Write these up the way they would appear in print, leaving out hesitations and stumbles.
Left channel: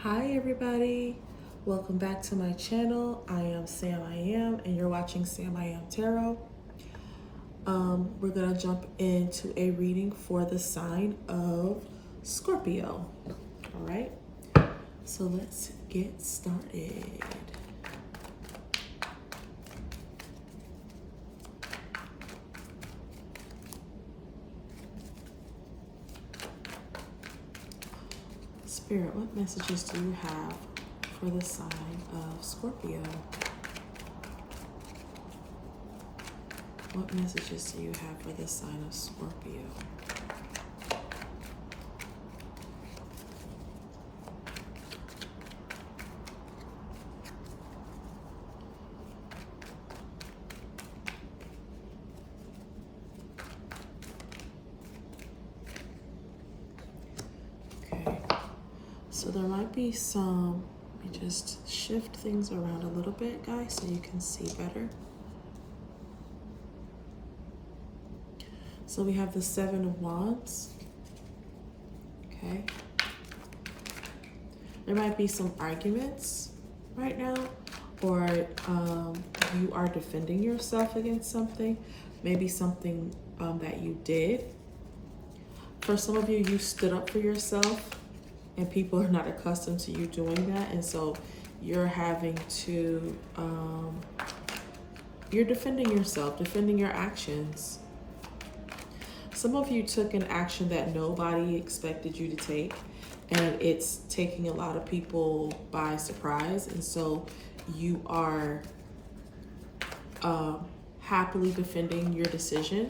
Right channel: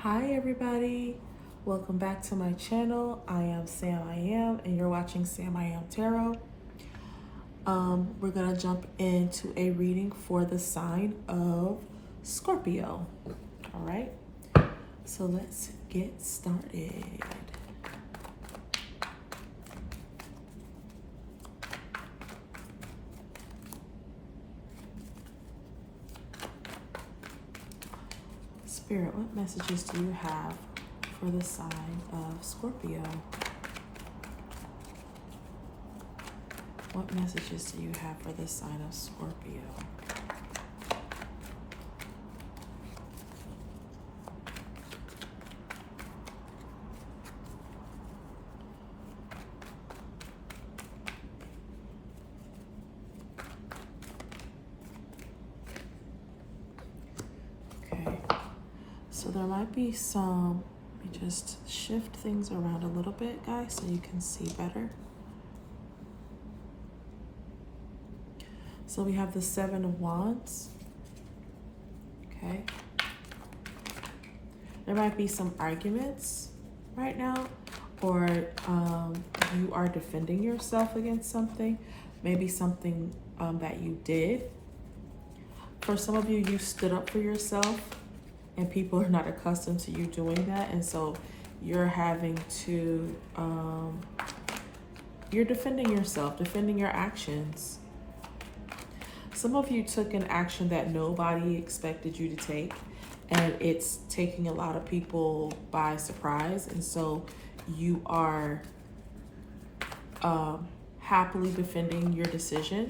Hi everybody, welcome back to my channel. I am SamIAm and you're watching SamIAm Tarot. We're gonna jump into a reading for the sign of Scorpio. All right, so let's get started. Spirit, what messages do you have for the sign of Scorpio? What messages do you have for the sign of Scorpio? Okay, so there might be some, let me just shift things around a little bit, guys, so you can see better. So we have the Seven of Wands. Okay. There might be some arguments right now, or you are defending yourself against something, maybe something that you did. For some of you, you stood up for yourself, and people are not accustomed to you doing that, and so you're having to, you're defending yourself, defending your actions. Some of you took an action that nobody expected you to take, and it's taking a lot of people by surprise. And so you are happily defending your decision,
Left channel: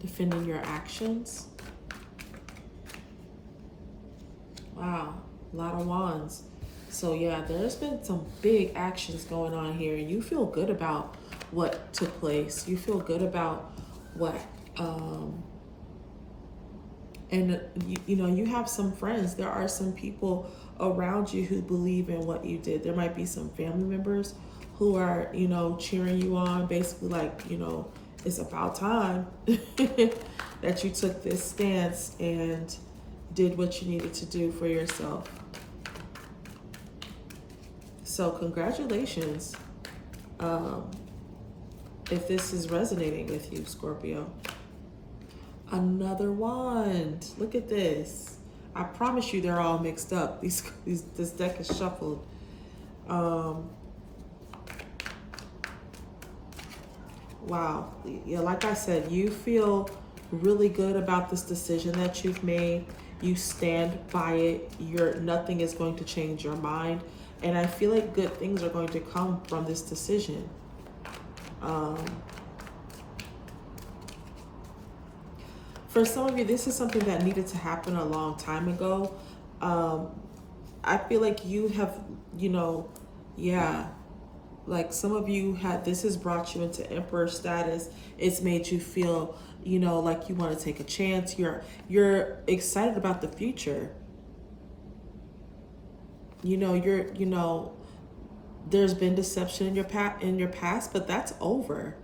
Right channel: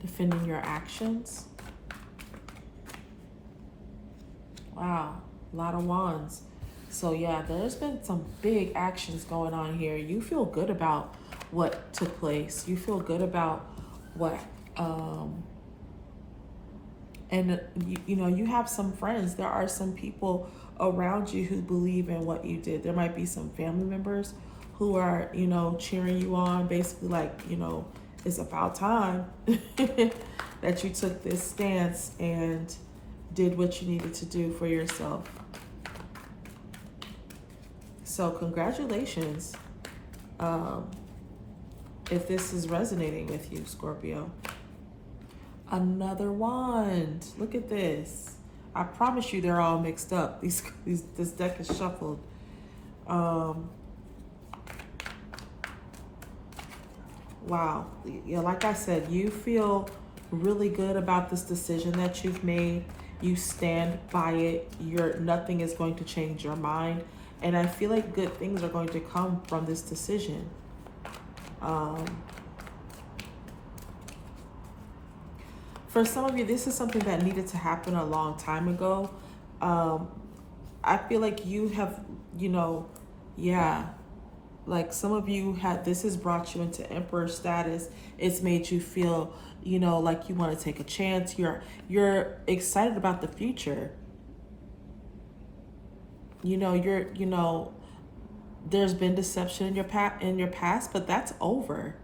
defending your actions. Wow, a lot of wands. So yeah, there's been some big actions going on here. You feel good about what took place. You feel good about what and you know, you have some friends. There are some people around you who believe in what you did. There might be some family members who are, you know, cheering you on, basically like, you know, it's about time that you took this stance and did what you needed to do for yourself. So congratulations, if this is resonating with you, Scorpio. Another wand. Look at this. I promise you they're all mixed up. This deck is shuffled. Wow. Yeah, like I said, you feel really good about this decision that you've made. You stand by it. Nothing is going to change your mind. And I feel like good things are going to come from this decision. For some of you, this is something that needed to happen a long time ago. I feel like you have, you know, yeah, like some of you had, this has brought you into emperor status. It's made you feel, you know, like you want to take a chance. You're excited about the future. You know, there's been deception in your past, but that's over.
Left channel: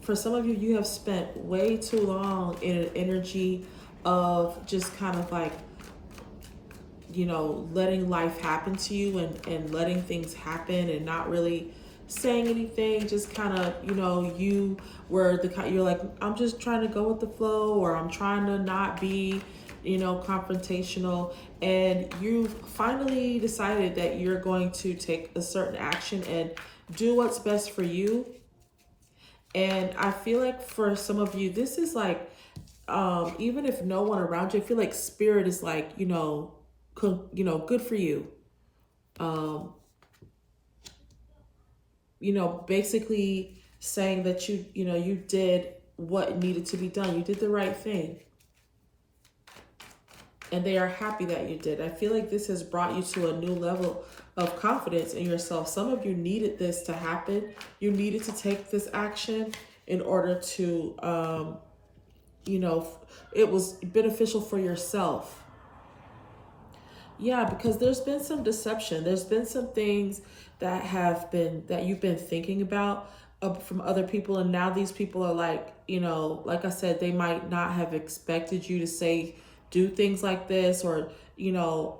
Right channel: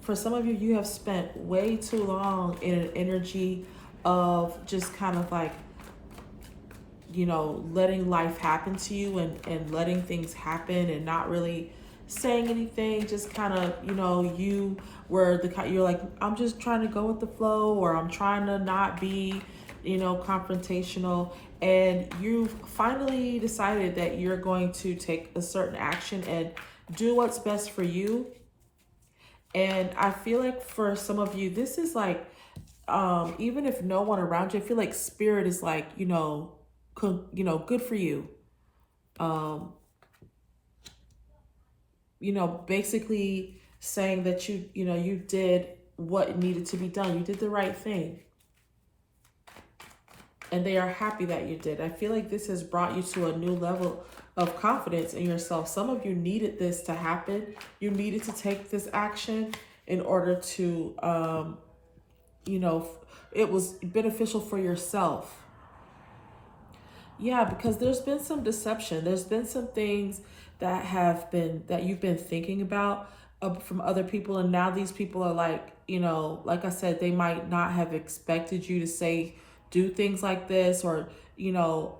For some of you, you have spent way too long in an energy of just kind of like, you know, letting life happen to you and letting things happen and not really saying anything. Just kind of, you know, you were you're like, I'm just trying to go with the flow, or I'm trying to not be, you know, confrontational. And you finally decided that you're going to take a certain action and do what's best for you. And I feel like for some of you, this is like, even if no one around you, I feel like spirit is like, you know, good for you. You know, basically saying that you know, you did what needed to be done. You did the right thing. And they are happy that you did. I feel like this has brought you to a new level of confidence in yourself. Some of you needed this to happen. You needed to take this action in order to, you know, it was beneficial for yourself. Yeah, because there's been some deception. There's been some things that you've been thinking about. from other people, and now these people are like, you know, like I said, they might not have expected you to say, do things like this, or you know,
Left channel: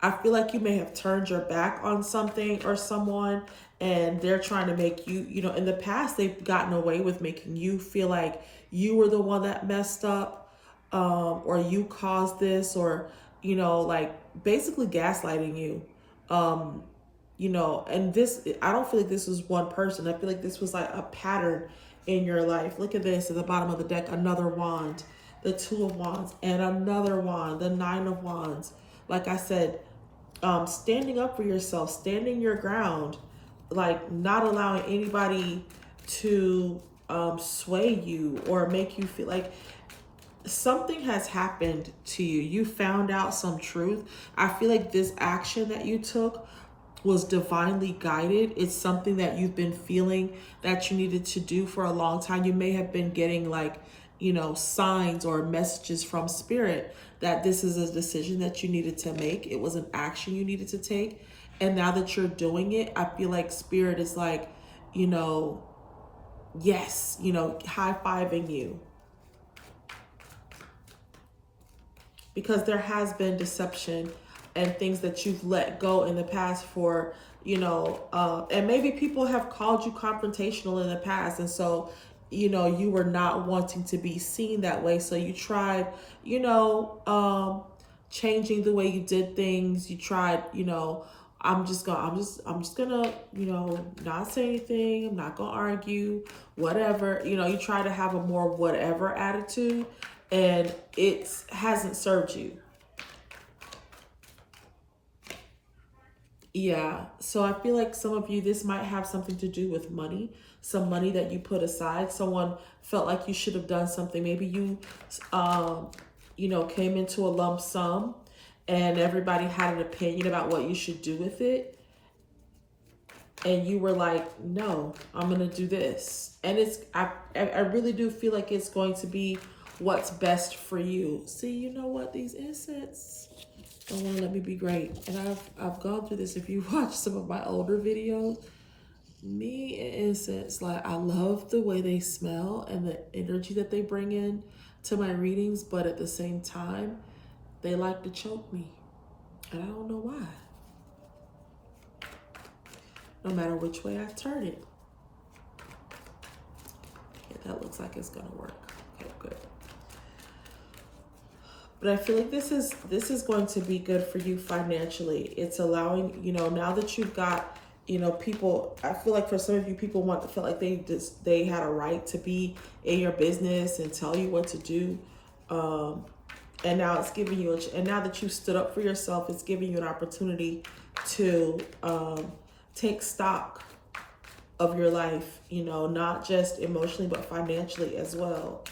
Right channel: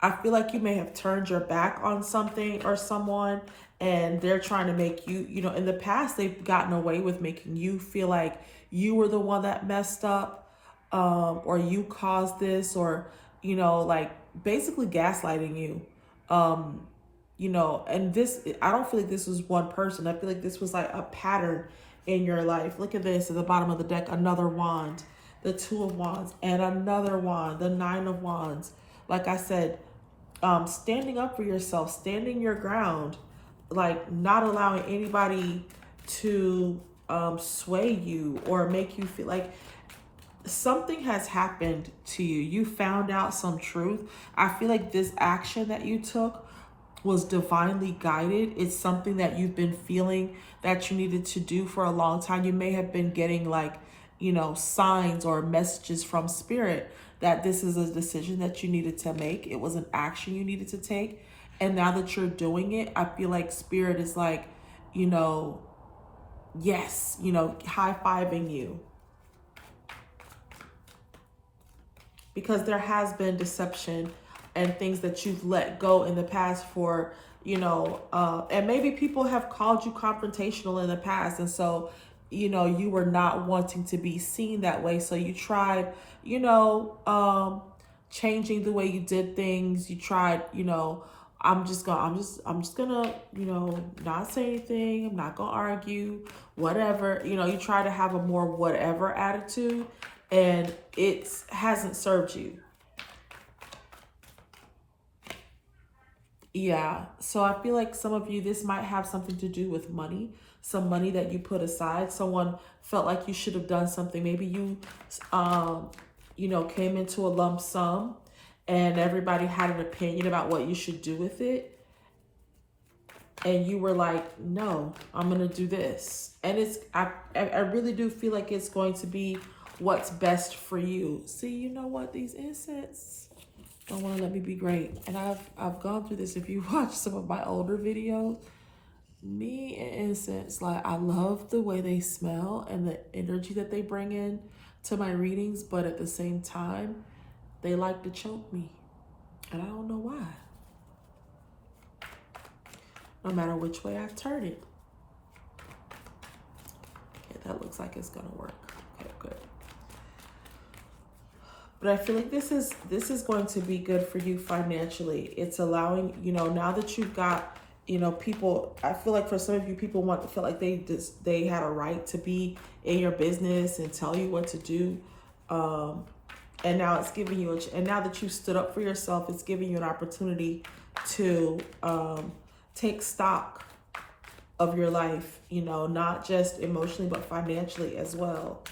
I feel like you may have turned your back on something or someone, and they're trying to make you, you know, in the past they've gotten away with making you feel like you were the one that messed up, or you caused this, or you know, like basically gaslighting you. Um, you know, and this, I don't feel like this was one person. I feel like this was like a pattern in your life. Look at this at the bottom of the deck, another wand, the two of wands, and another wand, the nine of wands. Like I said, standing up for yourself, standing your ground, like not allowing anybody to sway you or make you feel like something has happened to you. You found out some truth. I feel like this action that you took was divinely guided. It's something that you've been feeling that you needed to do for a long time. You may have been getting like, you know, signs or messages from spirit that this is a decision that you needed to make. It was an action you needed to take. And now that you're doing it, I feel like spirit is like, you know, yes, you know, high-fiving you. Because there has been deception and things that you've let go in the past for, you know, and maybe people have called you confrontational in the past. And so, you know, you were not wanting to be seen that way. So you tried, you know, changing the way you did things. You tried, you know, I'm just gonna, you know, not say anything. I'm not gonna argue, whatever. You know, you try to have a more whatever attitude, and it hasn't served you. Yeah, so I feel like some of you, this might have something to do with money, some money that you put aside. Someone felt like you should have done something. Maybe you, you know, came into a lump sum and everybody had an opinion about what you should do with it. And you were like, no, I'm going to do this. And it's, I really do feel like it's going to be what's best for you. See, you know what? These incense don't want to let me be great. And I've gone through this. If you watch some of my older videos, me and incense, like I love the way they smell and the energy that they bring in to my readings, but at the same time, they like to choke me. And I don't know why. No matter which way I turn it. Okay, that looks like it's gonna work. Okay, good. But I feel like this is going to be good for you financially. It's allowing, you know, now that you've got, you know, people, I feel like for some of you, people want to feel like they had a right to be in your business and tell you what to do. And now it's giving you, and now that you stood up for yourself, it's giving you an opportunity to take stock of your life, you know, not just emotionally, but financially as well.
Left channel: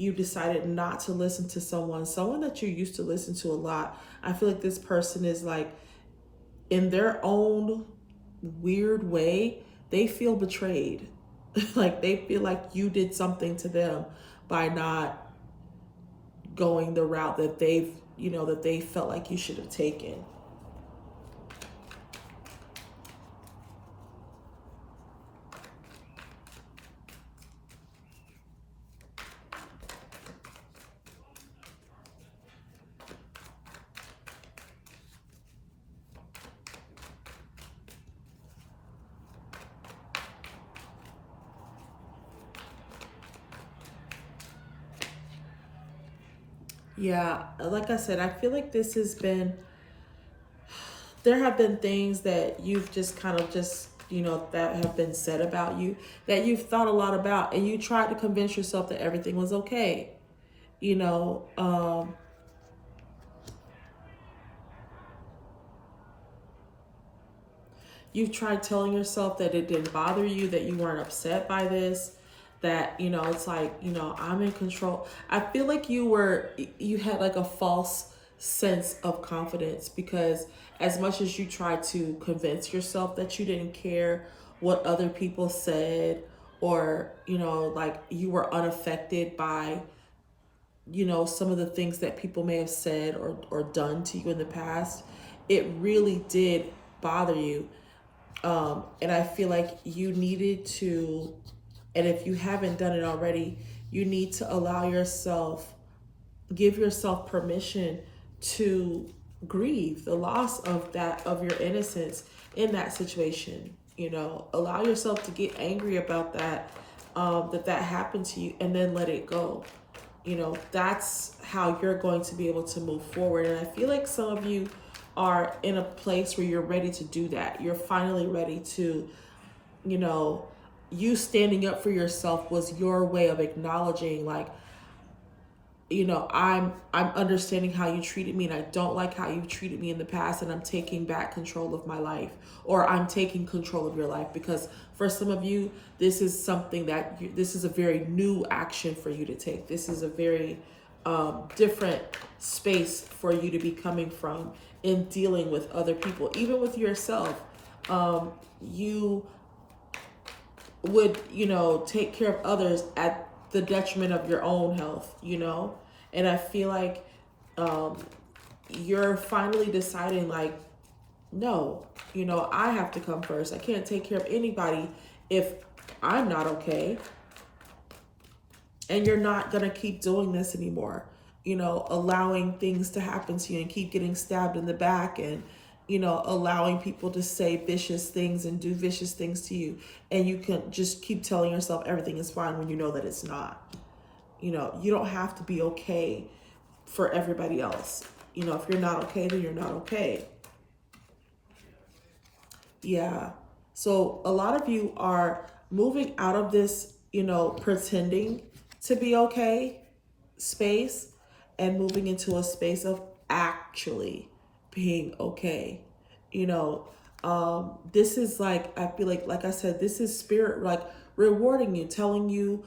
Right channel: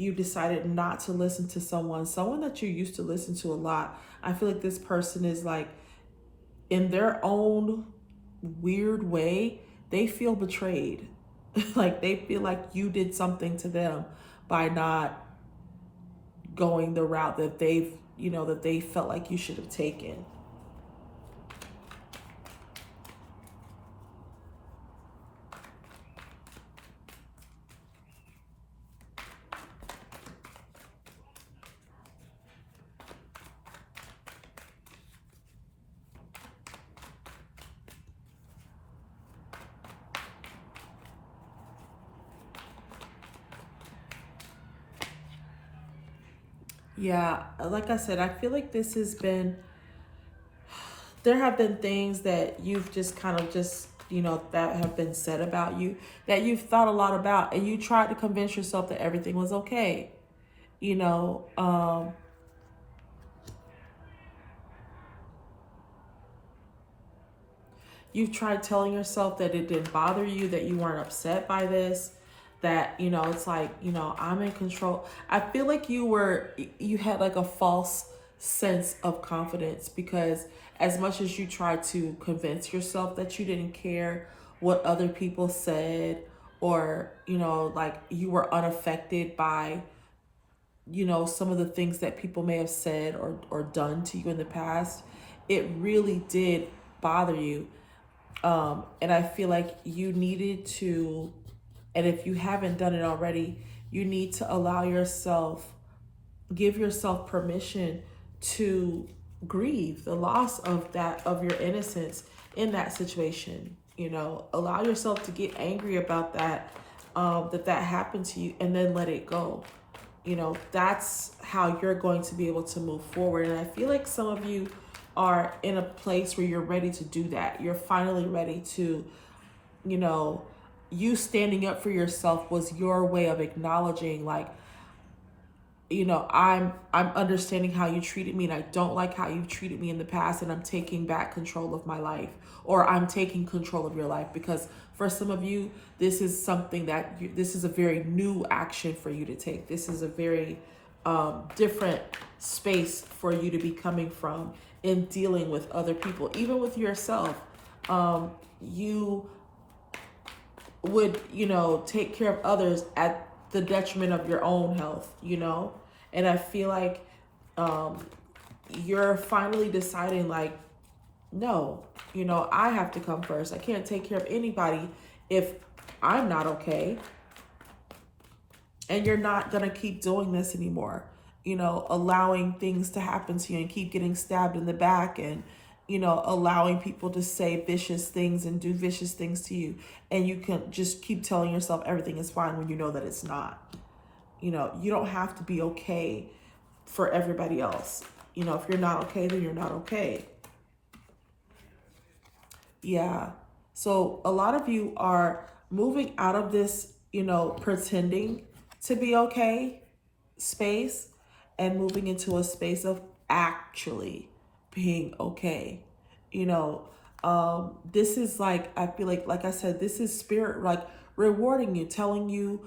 You decided not to listen to someone that you used to listen to a lot. I feel like this person is like, in their own weird way, they feel betrayed. Like they feel like you did something to them by not going the route that they've, you know, that they felt like you should have taken. Yeah, like I said, I feel like this has been, there have been things that you've just kind of just, you know, that have been said about you that you've thought a lot about, and you tried to convince yourself that everything was okay. You know, you've tried telling yourself that it didn't bother you, that you weren't upset by this, that, you know, it's like, you know, I'm in control. I feel like you had like a false sense of confidence, because as much as you tried to convince yourself that you didn't care what other people said, or, you know, like you were unaffected by, you know, some of the things that people may have said or done to you in the past, it really did bother you. And I feel like you needed to, and if you haven't done it already, you need to allow yourself, give yourself permission to grieve the loss of that, of your innocence in that situation. You know, allow yourself to get angry about that, that happened to you, and then let it go. You know, that's how you're going to be able to move forward. And I feel like some of you are in a place where you're ready to do that. You're finally ready to, you know, you standing up for yourself was your way of acknowledging, like, you know, I'm understanding how you treated me, and I don't like how you've treated me in the past, and I'm taking back control of my life, or I'm taking control of your life. Because for some of you, this is something that this is a very new action for you to take. This is a very different space for you to be coming from in dealing with other people, even with yourself. You would, you know, take care of others at the detriment of your own health, you know? And I feel like you're finally deciding, like, no, you know, I have to come first. I can't take care of anybody if I'm not okay. And you're not going to keep doing this anymore, you know, allowing things to happen to you and keep getting stabbed in the back, and, you know, allowing people to say vicious things and do vicious things to you. And you can just keep telling yourself everything is fine when you know that it's not. You know, you don't have to be okay for everybody else. You know, if you're not okay, then you're not okay. Yeah. So a lot of you are moving out of this, you know, pretending to be okay space, and moving into a space of actually being okay. You know, this is like, I feel like I said, this is spirit, like, rewarding you, telling you,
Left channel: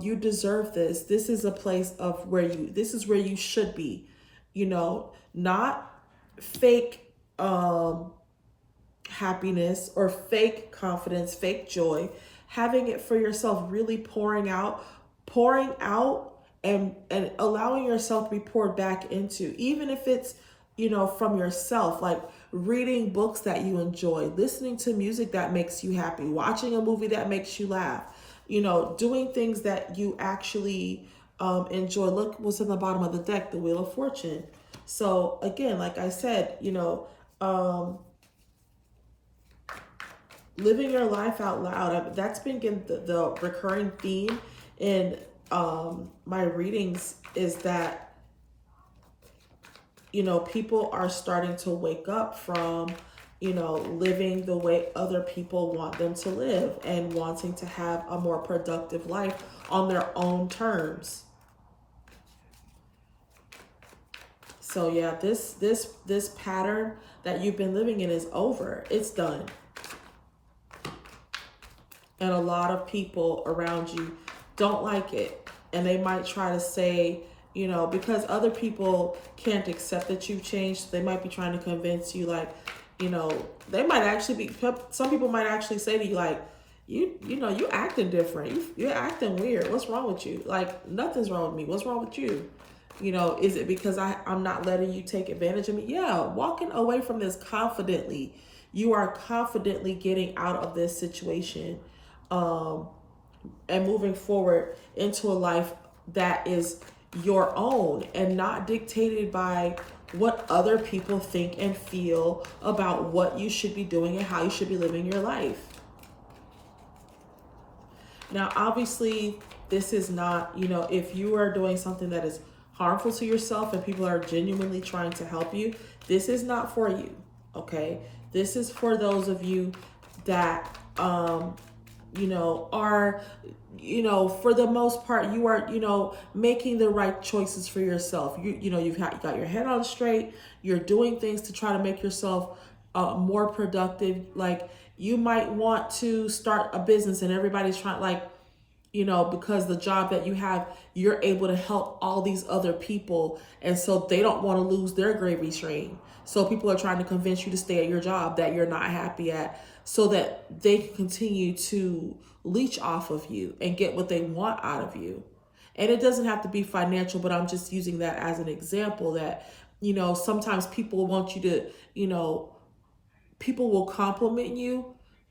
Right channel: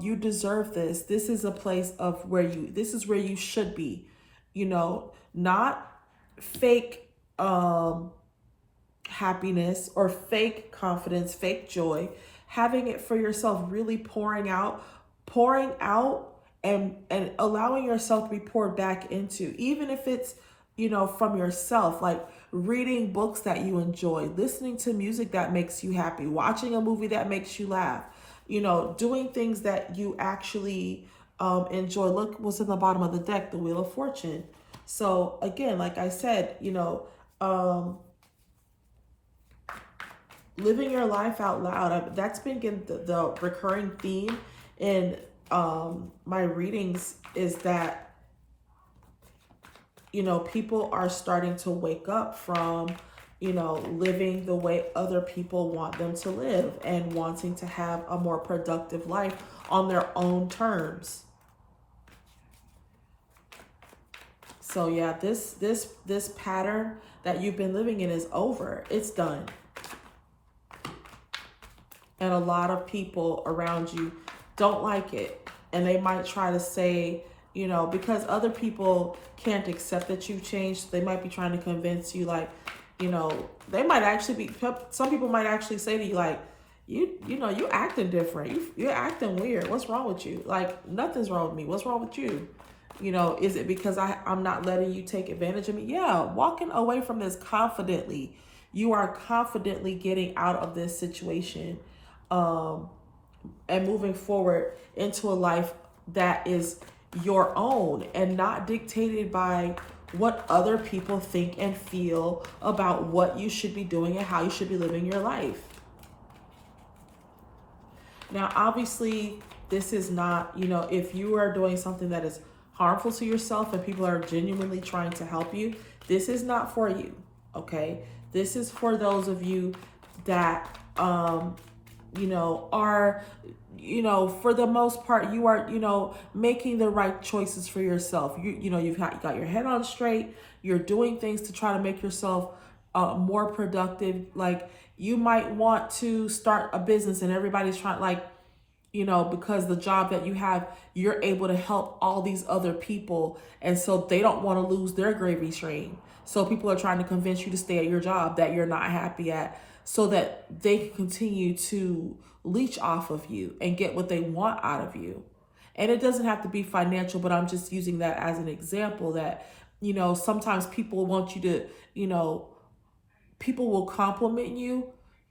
you deserve this. This is a place of where you, this is where you should be, you know, not fake, happiness or fake confidence, fake joy, having it for yourself, really pouring out and allowing yourself to be poured back into, even if it's, you know, from yourself, like reading books that you enjoy, listening to music that makes you happy, watching a movie that makes you laugh, you know, doing things that you actually enjoy. Look what's in the bottom of the deck, the Wheel of Fortune. So again, like I said, you know, living your life out loud. That's been the recurring theme in my readings, is that, you know, people are starting to wake up from, you know, living the way other people want them to live, and wanting to have a more productive life on their own terms. So yeah, this pattern that you've been living in is over. It's done. And a lot of people around you don't like it. And they might try to say, you know, because other people can't accept that you've changed, they might be trying to convince you, like, you know, they might actually be, some people might actually say to you, like, you know, you acting different. You're acting weird. What's wrong with you? Like, nothing's wrong with me. What's wrong with you? You know, is it because I'm not letting you take advantage of me? Yeah, walking away from this confidently. You are confidently getting out of this situation, and moving forward into a life that is your own, and not dictated by what other people think and feel about what you should be doing and how you should be living your life. Now, obviously, this is not, you know, if you are doing something that is harmful to yourself and people are genuinely trying to help you, this is not for you, okay? This is for those of you that, you know, are, you know, for the most part, you are, you know, making the right choices for yourself. You know, you got your head on straight. You're doing things to try to make yourself more productive. Like, you might want to start a business, and everybody's trying, like, you know, because the job that you have, you're able to help all these other people. And so they don't want to lose their gravy train. So people are trying to convince you to stay at your job that you're not happy at, so that they can continue to leech off of you and get what they want out of you. And it doesn't have to be financial, but I'm just using that as an example, that You know, sometimes people want you to, you know, people will compliment you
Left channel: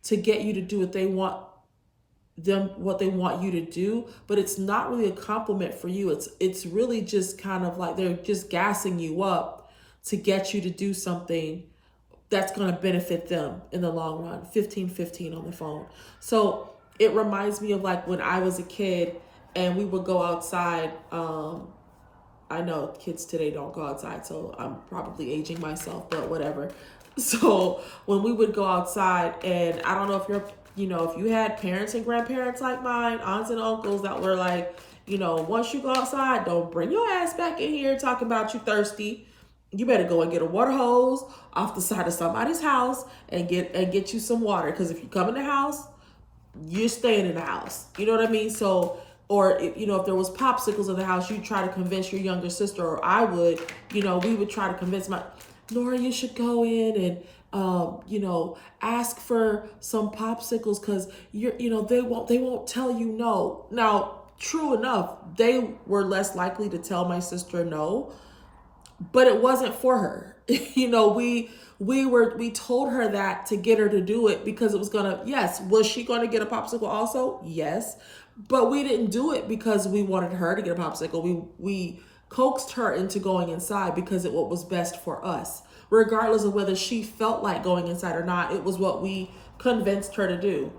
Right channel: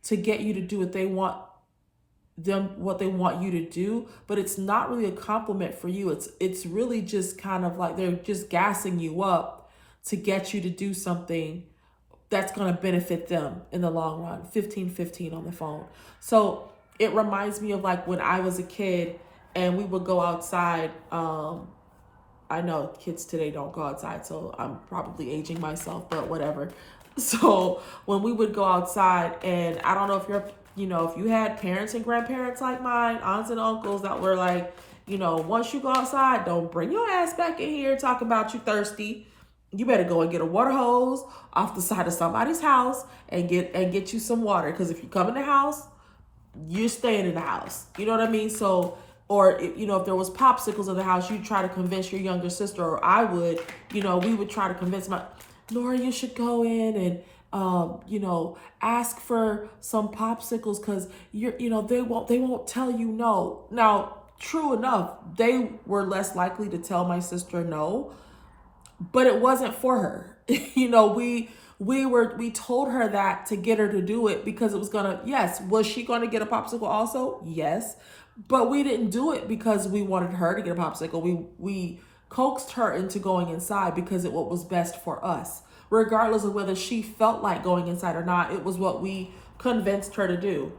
to get you to do what they want you to do, but it's not really a compliment for you. It's really just kind of like they're just gassing you up to get you to do something that's going to benefit them in the long run. 15 on the phone. So it reminds me of like when I was a kid and we would go outside. I know kids today don't go outside, so I'm probably aging myself, but whatever. So when we would go outside, and I don't know if if you had parents and grandparents like mine, aunts and uncles that were like, once you go outside, don't bring your ass back in here talking about you thirsty. You better go and get a water hose off the side of somebody's house and get you some water. Because if you come in the house, you're staying in the house. You know what I mean? So, or if there was popsicles in the house, you try to convince your younger sister, or I would, we would try to convince Laura, you should go in and ask for some popsicles because they won't tell you no. Now, true enough, they were less likely to tell my sister no, but it wasn't for her. We told her that to get her to do it because it was was she gonna get a popsicle also? Yes. But we didn't do it because we wanted her to get a popsicle. We coaxed her into going inside because it was best for us. Regardless of whether she felt like going inside or not, it was what we convinced her to do,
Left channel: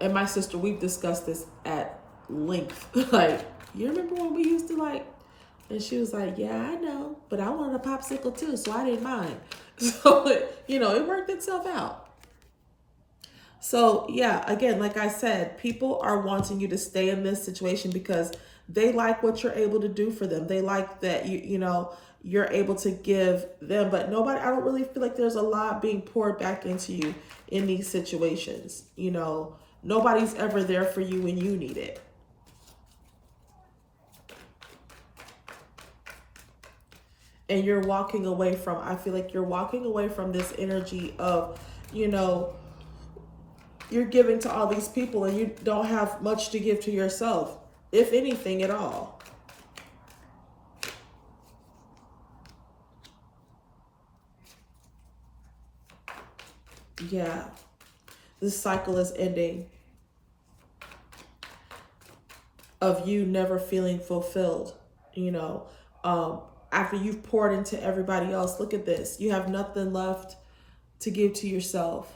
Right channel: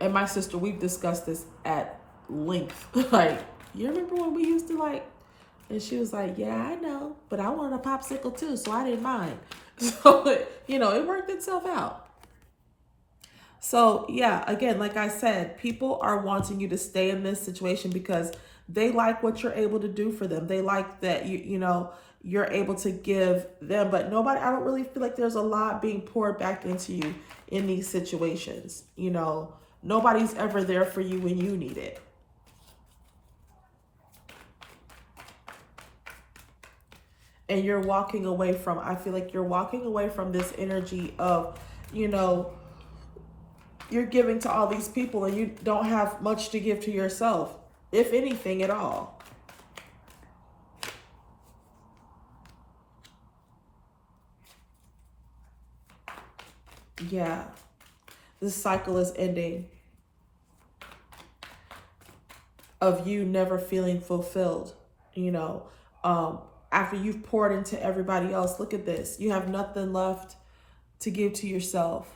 And my sister, we've discussed this at length. Like, you remember when we used to and she was like, yeah, I know, but I wanted a popsicle too, so I didn't mind. So, it worked itself out. So, yeah, again, like I said, people are wanting you to stay in this situation because they like what you're able to do for them. They like that you're able to give them, but I don't really feel like there's a lot being poured back into you in these situations. Nobody's ever there for you when you need it. And I feel like you're walking away from this energy of, you're giving to all these people and you don't have much to give to yourself, if anything at all. Yeah, this cycle is ending of you never feeling fulfilled, after you've poured into everybody else. Look at this. You have nothing left to give to yourself.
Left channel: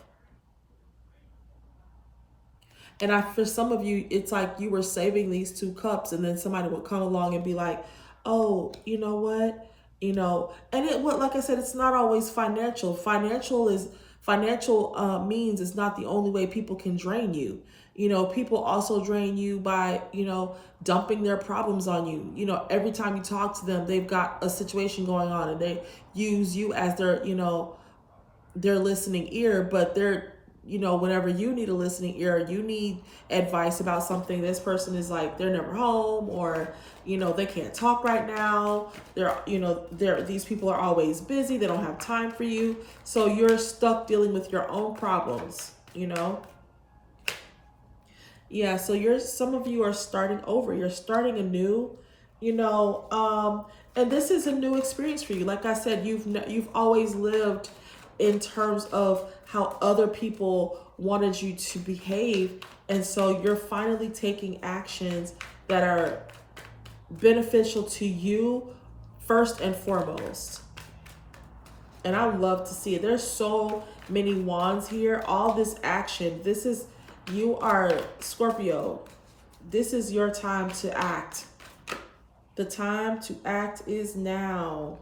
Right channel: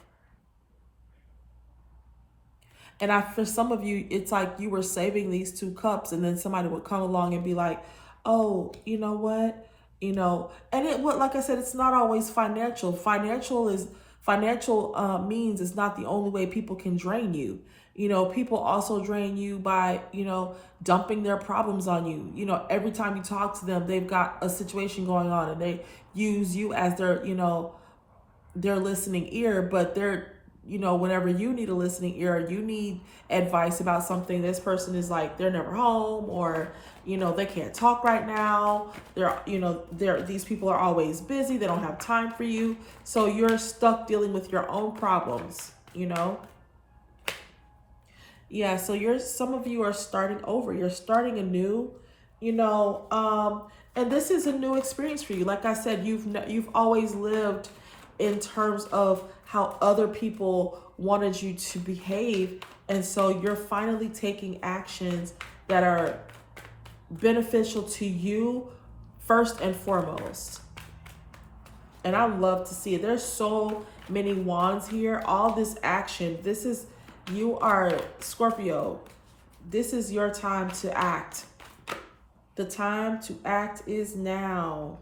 And for some of you, it's like you were saving these 2 cups and then somebody would come along and be like, oh, you know what? And like I said, it's not always financial. Financial means is not the only way people can drain you. People also drain you by, dumping their problems on you. Every time you talk to them, they've got a situation going on and they use you as their listening ear, but they're, whenever you need a listening ear, you need advice about something, this person is like, they're never home, or, they can't talk right now. These people are always busy. They don't have time for you. So you're stuck dealing with your own problems, Yeah, so some of you are starting over. You're starting anew, and this is a new experience for you. Like I said, you've always lived in terms of how other people wanted you to behave, and so you're finally taking actions that are beneficial to you first and foremost. And I love to see it. There's so many wands here. All this action. You are Scorpio. This is your time to act. The time to act is now.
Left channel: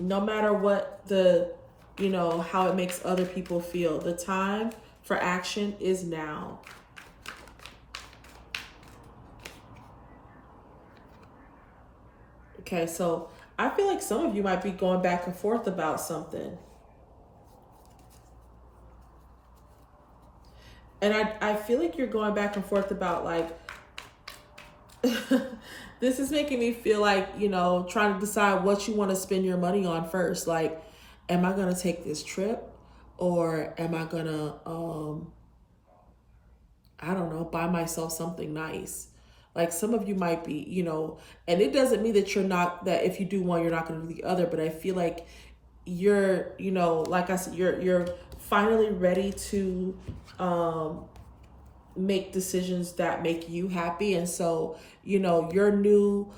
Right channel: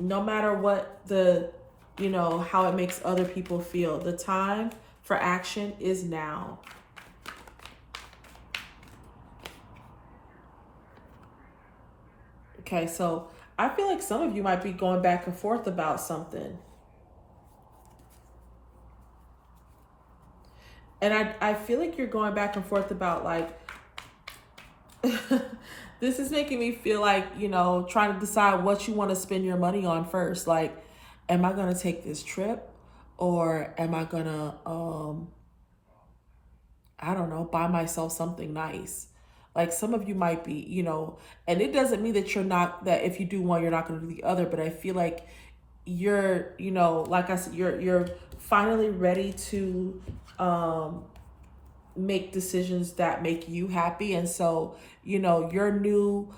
No matter what how it makes other people feel. The time for action is now. Okay, so I feel like some of you might be going back and forth about something. And I feel like you're going back and forth about this is making me feel like, trying to decide what you want to spend your money on first. Like, am I going to take this trip, or am I going to, I don't know, buy myself something nice? Like some of you might be, and it doesn't mean that you're not, that if you do one, you're not going to do the other. But I feel like you're, like I said, you're finally ready to make decisions that make you happy. And so, your new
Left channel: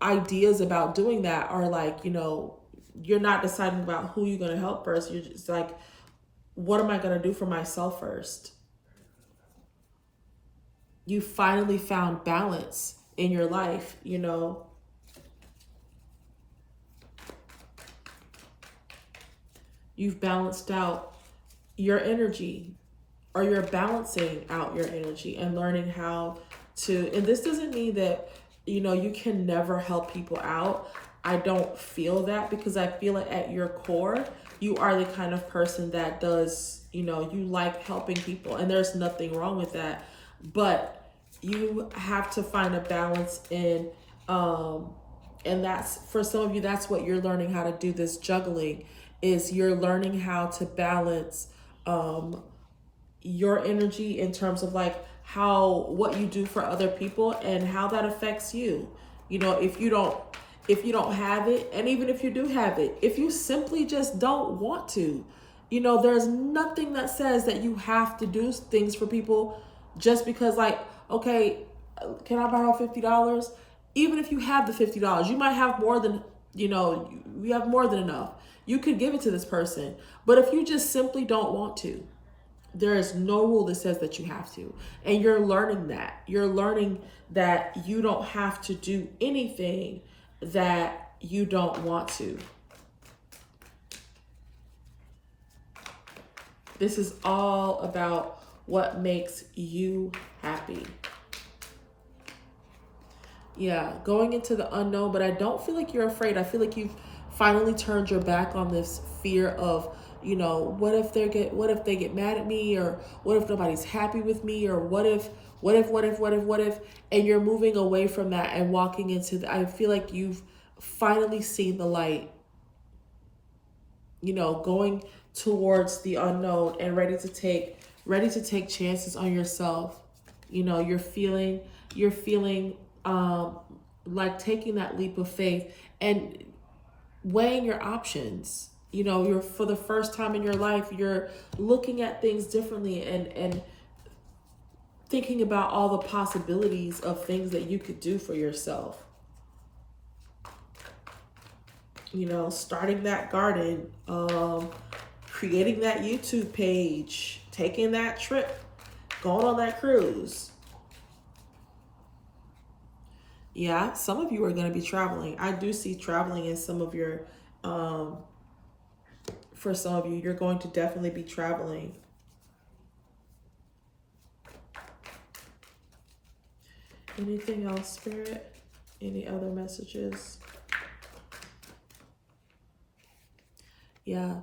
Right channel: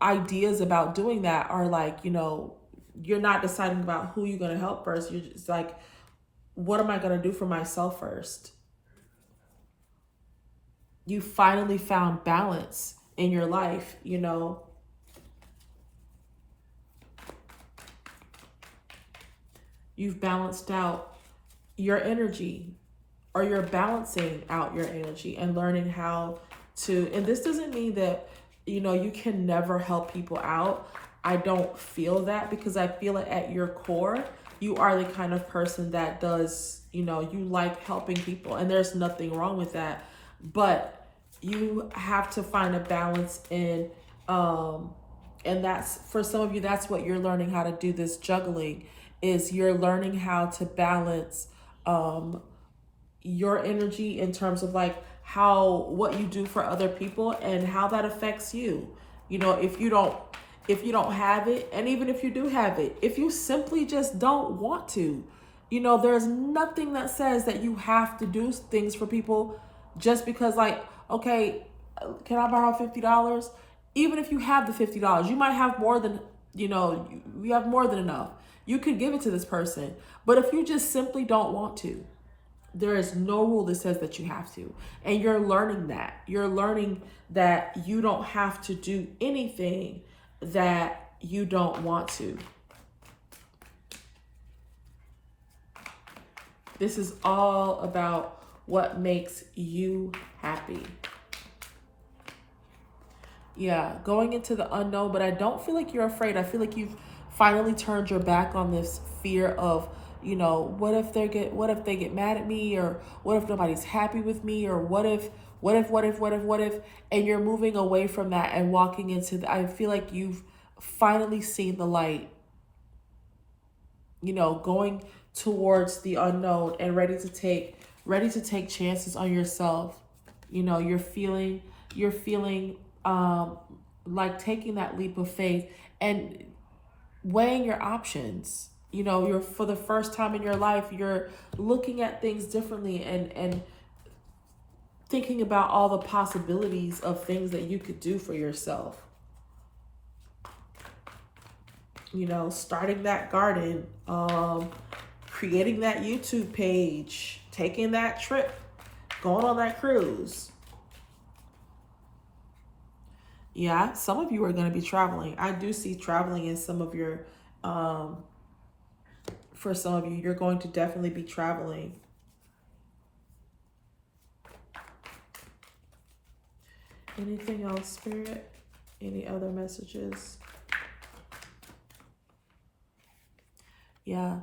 ideas about doing that are like, you're not deciding about who you're going to help first. You're just like, what am I going to do for myself first? You finally found balance in your life, You've balanced out your energy, or you're balancing out your energy and learning how to, and this doesn't mean that, you can never help people out. I don't feel that, because I feel it at your core. You are the kind of person that does, you like helping people, and there's nothing wrong with that. But you have to find a balance in, and that's, for some of you, that's what you're learning how to do, this juggling, is you're learning how to balance your energy in terms of like what you do for other people and how that affects you. If you don't have it, and even if you do have it, if you simply just don't want to, there's nothing that says that you have to do things for people just because, like, okay, can I borrow $50? Even if you have the $50, you might have more than, you have more than enough. You could give it to this person. But if you just simply don't want to, there is no rule that says that you have to. And you're learning that. You're learning that you don't have to do anything that you don't want to. This is all about what makes you happy. Yeah, going into the unknown, but I don't feel like you're afraid. I feel like you've finally turned your back on this fear of, what if they get mad at me, or what if nobody's happy with me, or what if, and you're moving away from that and walking into I feel like you've finally seen the light, going towards the unknown and ready to take chances on yourself. You're feeling like taking that leap of faith and weighing your options. You're, for the first time in your life, you're looking at things differently and thinking about all the possibilities of things that you could do for yourself. Starting that garden, creating that YouTube page, taking that trip, going on that cruise. Yeah, some of you are going to be traveling. I do see traveling in some of your, for some of you, you're going to definitely be traveling. Anything else, Spirit? Any other messages? Yeah,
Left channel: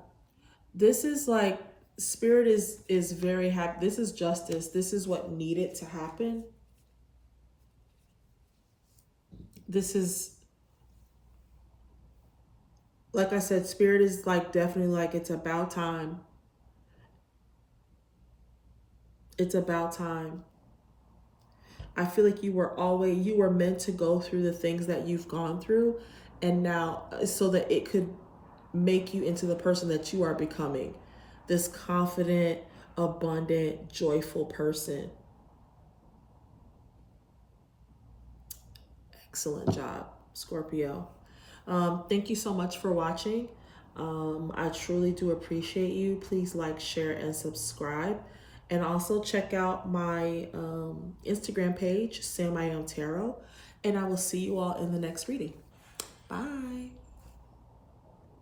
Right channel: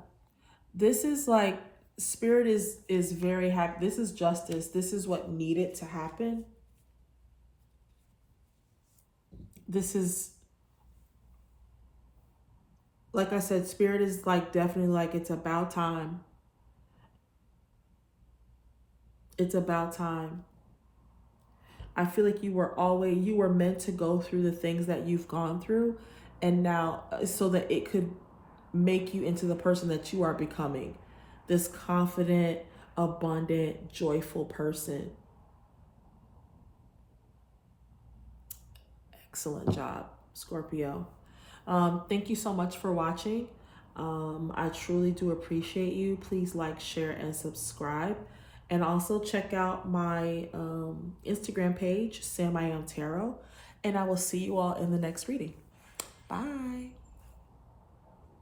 this is like, Spirit is very happy. This is justice. This is what needed to happen. This is, like I said, Spirit is like definitely like, it's about time. It's about time. I feel like you were meant to go through the things that you've gone through, and now, so that it could make you into the person that you are becoming, this confident, abundant, joyful person. Excellent job, Scorpio. Thank you so much for watching. I truly do appreciate you. Please like, share, and subscribe. And also check out my Instagram page, SamIAm Tarot. And I will see you all in the next reading. Bye.